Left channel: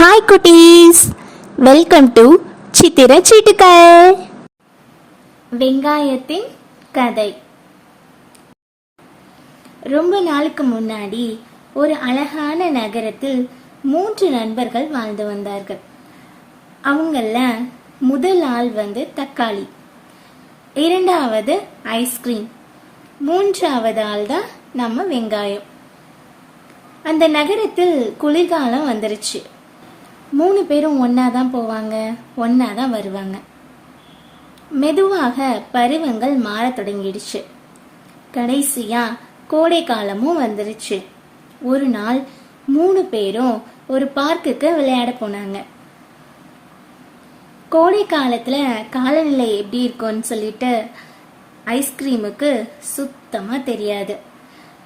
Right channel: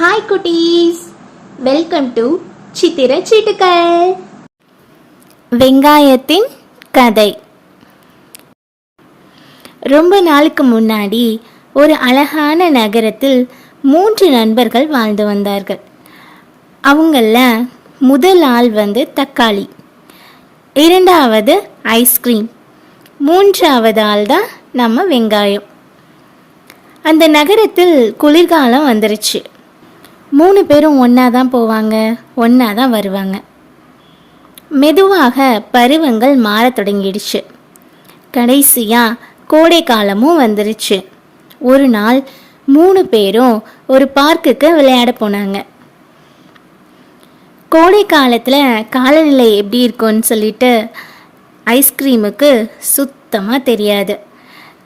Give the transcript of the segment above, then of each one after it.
Hi குட்டீஸ். Welcome to சித்திர சீட்டுக்கள். வெங்காயத்தின் கதை. ரொம்ப நாளுக்கு முன்னாடி ஒரு அழகான நகரத்தில் மூன்று நண்பர்கள் வாழ்ந்து வந்தார்கள். அவங்கள முதல் ஆள் வந்து தக்காளி இரண்டாவது ஐஸ்கிரீம் மூன்றாவது ஆள் தான் நம்ம வெங்காயம். அந்த நகரத்தில் குளிர்காலம் வந்துருச்சு. மூணு பேரும் ஒன்றா தான் போவாங்க ஒன்றா தான் வருவாங்க. மெதுவாக பருவங்கள் மாறத் தொடங்கிடுச்சு. கடைசியாக கோடை காலமும் வந்துருச்சு. ஒரு நாள் மூணு பேரும் ஒரு பார்க்குக்கு விளையாட போனாங்க. கோடை காலத்தில் காலநிலை எப்படி இருக்கும்னு சொல்லிட்டு ஐஸ்கிரீமுக்கு சுத்தமாக தெரியாது.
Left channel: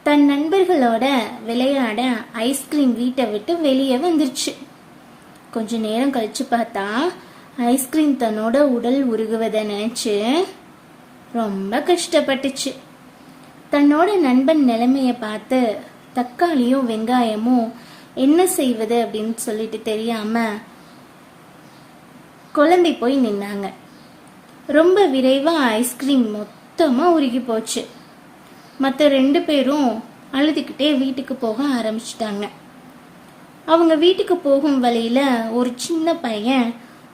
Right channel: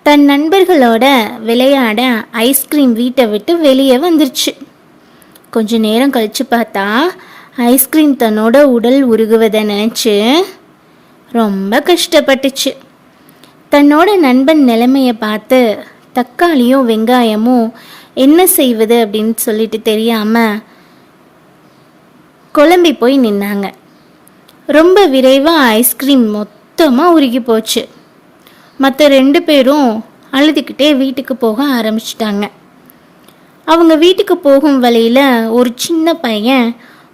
தன் நண்பர்களோட விளையாட ஐஸ்கிரீம் வீட்டை விட்டு வெளியே வந்துருச்சு. கொஞ்ச நேரம் கழித்து பார்த்தா ஐஸ்கிரீம் தன்னோட உடல் உருகுவதை நினச்சி ரொம்ப கஷ்டப்பட்டுச்சு. தன்னோட நண்பன் நிலைமையை பார்த்து தக்காளியும் வெங்காயமும் என்ன செய்வது? அப்படின்னு சொல்லிட்டு தெரியாமல் குழம்பி போய் நின்னாங்க. ரொம்ப விரைவாக ஐஸ்கிரீம் மொத்தமாக உருகி போச்சு. மற்ற ரெண்டு பேரும் அழுதுகிட்டே வீட்டுக்கு போக ஆரம்பிச்சிட்டாங்க. அவங்க வீட்டுக்கு போகும் வழியில் ஒரு சின்ன பையன்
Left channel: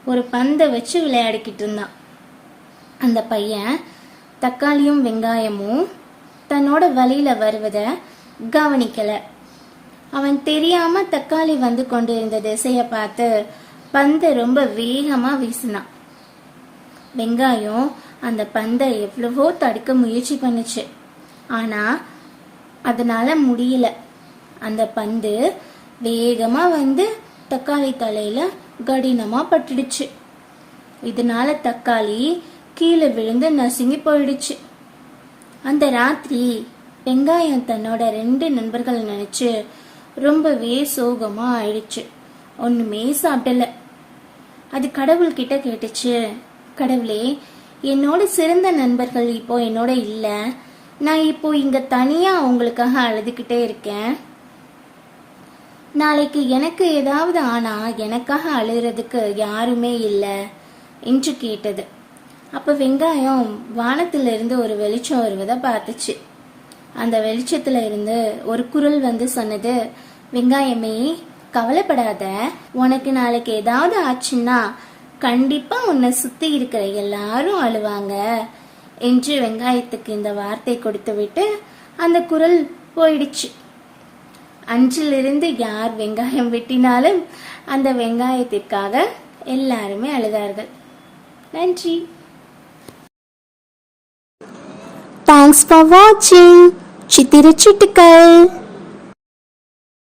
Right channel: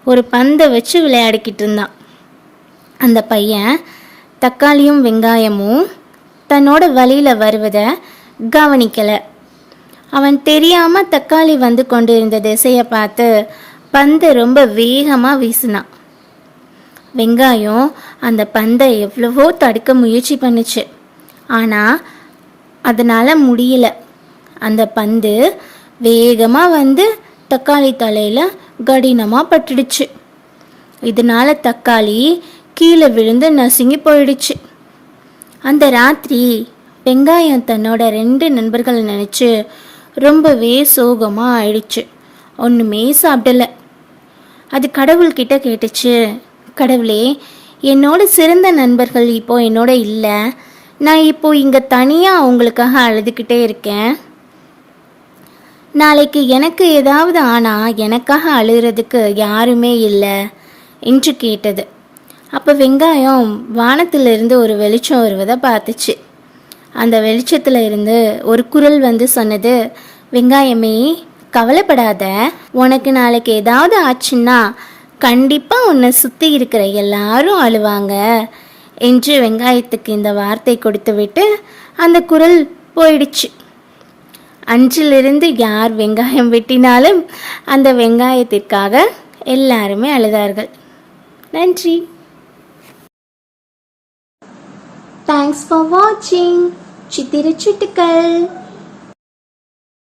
ஒரு பந்தை வச்சு விளையாடிக்கிட்டு இருந்தான். அந்த பையன் தக்காளியும் வெங்காயமும் தன்னோட வழியில் வருவதை கவனிக்கலை. அவன் தெரியாமல் தக்காளி வந்து கொண்டு இருந்த திசையை பார்த்து பந்தை ரொம்ப வேகமாக வீசினான். வெங்காயம் அந்த பந்தை எவ்வளவோ தடுக்க முயற்சி பண்ணுச்சு. ஆனால் அதனால் முடியல. அந்த பந்து வேகமாக வந்து தக்காளி தலையில் கடினமாக பட்டுடுச்சு. இதனால தக்காளி கீழே விழுந்து நசுங்கி போயிடுச்சு. அந்த ராத்திரி வெங்காயம் தன்னோட ரெண்டு நண்பர்களை நினச்சி ரொம்பவே சோகமாக ஆயிடுச்சு. ஒன்றுமே சாப்பிடல. அது கடவுள்கிட்ட கேட்டுச்சு கடவுளே என்னோட சிறந்த நண்பர்கள் இப்போ என்னோட இல்லை. நான் இப்போ இங்கே தனியாக அவங்களுக்காக அழுதுகிட்டே இருக்கேன். நாளைக்கு எனக்கு ஏதாவது ஆனால் எனக்காக அழுகிறதுக்கு யாருமே இல்லை என்று கேட்டது. அப்போ வெங்காயம் வானத்திலிருந்து ஒரு வெளிச்சம் வருவதை பார்த்துச்சு. அந்த வெளிச்சத்தில் இருந்து ஒரு குரல் வந்து சொன்னது வெங்காயமே கவலைப்படாத. உனக்கு நாளைக்கு ஏதாவது ஆச்சுன்னா கண்டிப்பாக உன்னை சுற்றி இருக்கிற எல்லாரும் அழுவாங்க என்று வெங்காயத்துக்கு இந்த வார்த்தை கொடுத்து விட்டு அந்த குரல் போயிடுச்சு. அஞ்சிலிருந்து யார் வெங்காயம் வெட்டினாலும் அந்த வெங்காயத்திற்காக எல்லாருமே அழுதார்கள். நன்றி. தேங்க்ஸ் ஃபார் வாட்சிங் சித்திர சிட்டுக்கள்.